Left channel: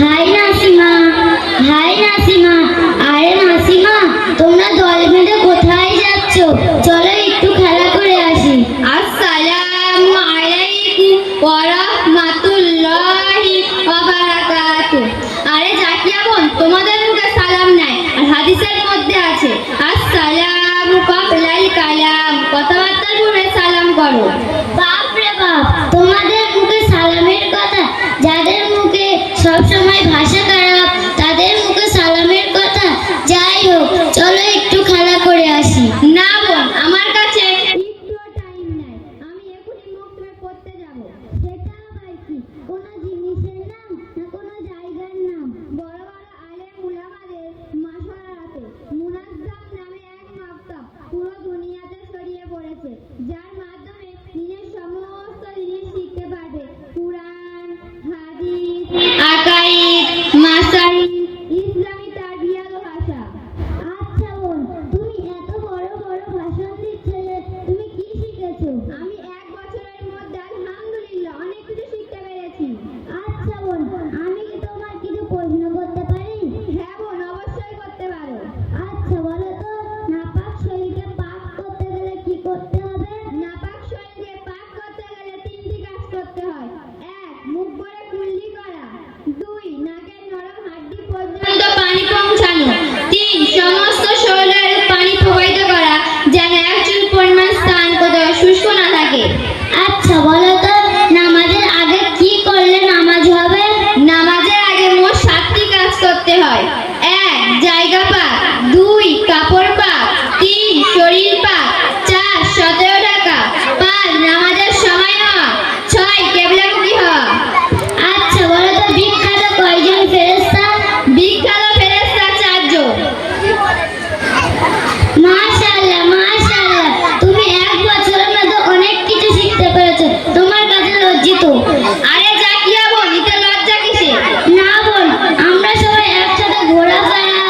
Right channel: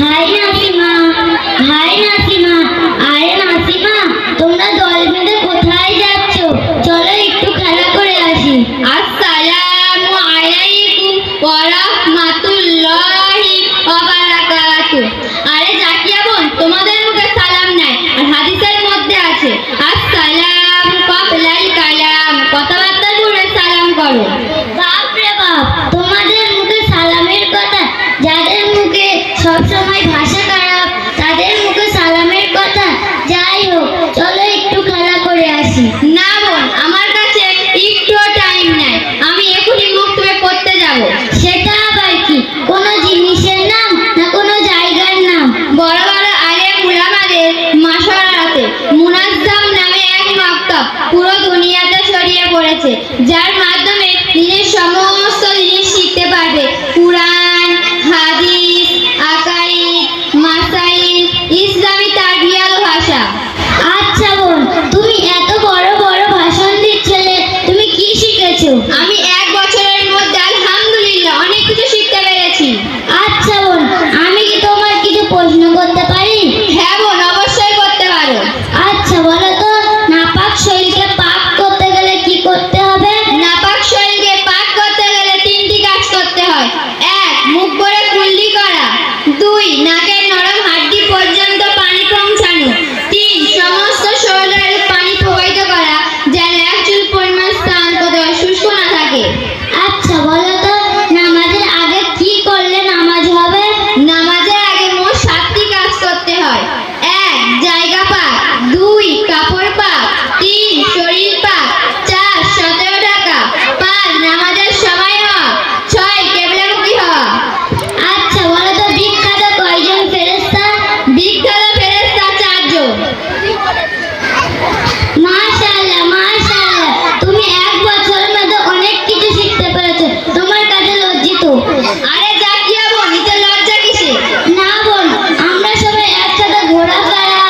High Nasima, high Nasima. আরে নাসিমা, তোমরা দল বেঁধে কোথায় যাচ্ছ? চলো একটু খেলা করে আসি। আসসালামু আলাইকুম ওয়া রাহমাতুল্লাহি ওয়া বারাকাতুহু। আরে জাকিয়া বোন, তোমাদের মুখে সালাম নাই, আর হাদিসের মধ্যে আছে আসসালামু ক্বাবলাল কালাম, কথাবার্তার পূর্বে সালাম করো। বাপ রে বাপ, তোমাদের মুখে সালামের কথা! যাদের মুখে সব সময় ভাষা খারাপ, তাদের মুখে সালামের কথা! যাই হোক, চলো একটু খেলা করে আসি। না বোন, আমার কাছে একটুও টাইম নাই, আমি এখনই মুখ ধুয়ে পড়তে যাব। সেটা আবার কি? কোনো জিনিসের নাম না কোনো জায়গার নাম? বড় বড় আলেম উলামাদের মাশওয়ারাতে মুনাজ্জাম নামে এক মাকতাব পুরো দুনিয়াতে ছড়িয়ে পড়েছে, যার মাধ্যমে নিজের সমস্ত জিনিস শিখতে পারবে। কুরআন, হাদিস, আকাইদ, মাসাইল, ইসলামী তারবিয়াত ও ভাষা। আচ্ছা বোন, তুমি এত বড় বড় ভাষণ দিচ্ছিলে, তুমি কি শিখেছো? আমি এক বছরের মধ্যে আলহামদুলিল্লাহ অনেক কিছু শিখতে পেরেছি। আচ্ছা বোন, আমি কি তোমার কিছু প্রশ্ন করতে পারি? হ্যাঁ বোন, অবশ্যই করতে পারো। আচ্ছা বলো তো, নাপাক শরীরকে পাক করতে গেলে কি করতে হবে? নাপাক শরীরকে পাক করতে গেলে তিনটি কাজ করতে হয়। ১. মুখ ভরে কুল্লি করা। ২. নাকের নরম হাড্ডি পর্যন্ত পানি পৌঁছানো। ৩. সমস্ত শরীরে পানি প্রবাহিত করা, যেন এক চুল পরিমাণ স্থান কোথাও শুষ্ক না থাকে। আচ্ছা বলো তো, নামাজের আগে কি করলে নামাজ হবে? নামাজের আগে মোট ৭টি কাজ করতে হয়। ১. জায়গা পাক। ২. কাপড় পাক। ৩. শরীর পাক। ৪. সতেরো ঢাকা। ৫. নামাজের সময় হওয়া। ৬. কেবলামুখী হওয়া। আচ্ছা বলো তো, বিখ্যাত কয়জন ফেরেশতা? বিখ্যাত ফেরেশতা ৪ জন। মাশাআল্লাহ, মাশাআল্লাহ, তুমি এক বছরের মধ্যে অনেক কিছু শিখতে পেরেছো। তোমার কাছে লজ্জিত। আরে জাকিয়া বোন, এতে লজ্জা কিসে? না বোন, আমরা সবাই একসাথে ঘোরাফেরা,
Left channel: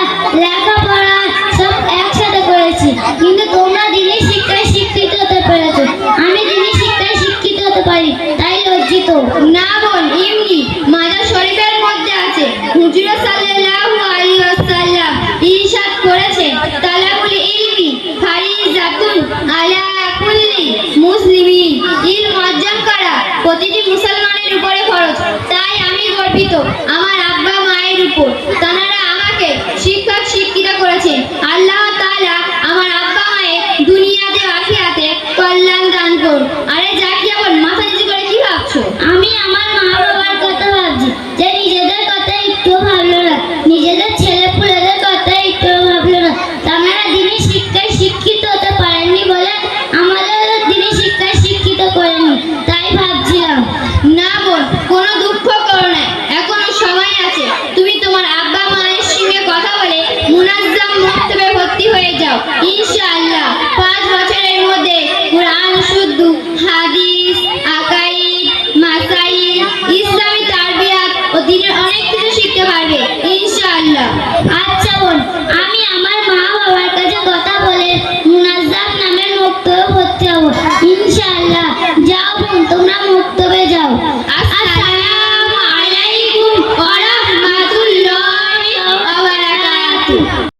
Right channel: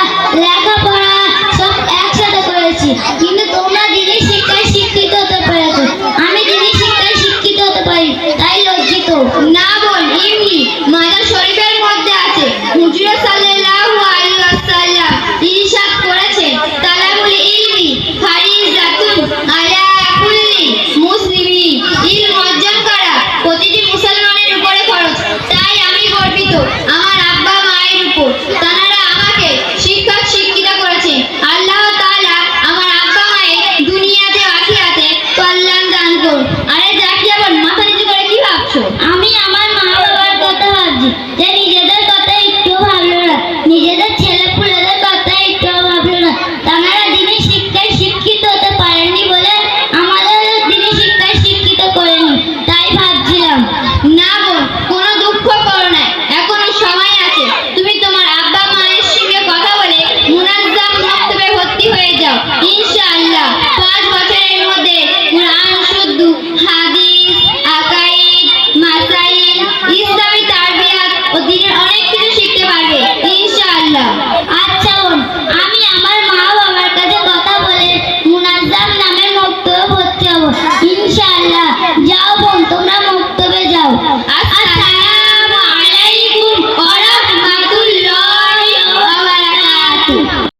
লেখাপড়া সব একসাথে করেছি, কিন্তু তোমরা দিনের শিক্ষায় শিক্ষিত হতে পেরেছো। আমি দিনের শিক্ষায় শিক্ষিত হতে পারি, তাই লজ্জিত। না বোন, এমনি মাজার শরীফের মধ্যে আছে, হুজুর সাল্লাল্লাহু আলাইহি ওয়াসাল্লাম ইরশাদ করেছেন, তালাবুল ইলমি ফারিজাতুন আলা কুল্লি মুসলিমিন। ইলম অর্জন করা প্রতিটি মুসলমানের উপরে ফরজ। তাই আমি গর্বিত আমার আব্বা মায়ের উপর, তারা আমাকে শিক্ষক শিক্ষিত করেছেন। আল্লাহ তাআলা আমার আব্বা মায়ের দুনিয়াতে ও আখিরাতে কল্যাণ দান করুন। আরে জাকিয়া বোন, মাথা নিচু করে কি ভাবছো? আমি আমার মা বাবার কথা ভাবছি, যে নিজেদের কথা একটু ভাবলো না, নিজেদের ছেলে পুলেদের কথা একটু ভাবলো না। তারা দিনের শিক্ষায় শিক্ষিত হতে পারেননি বলে আমাদের দিনের শিক্ষায় শিক্ষিত করেন।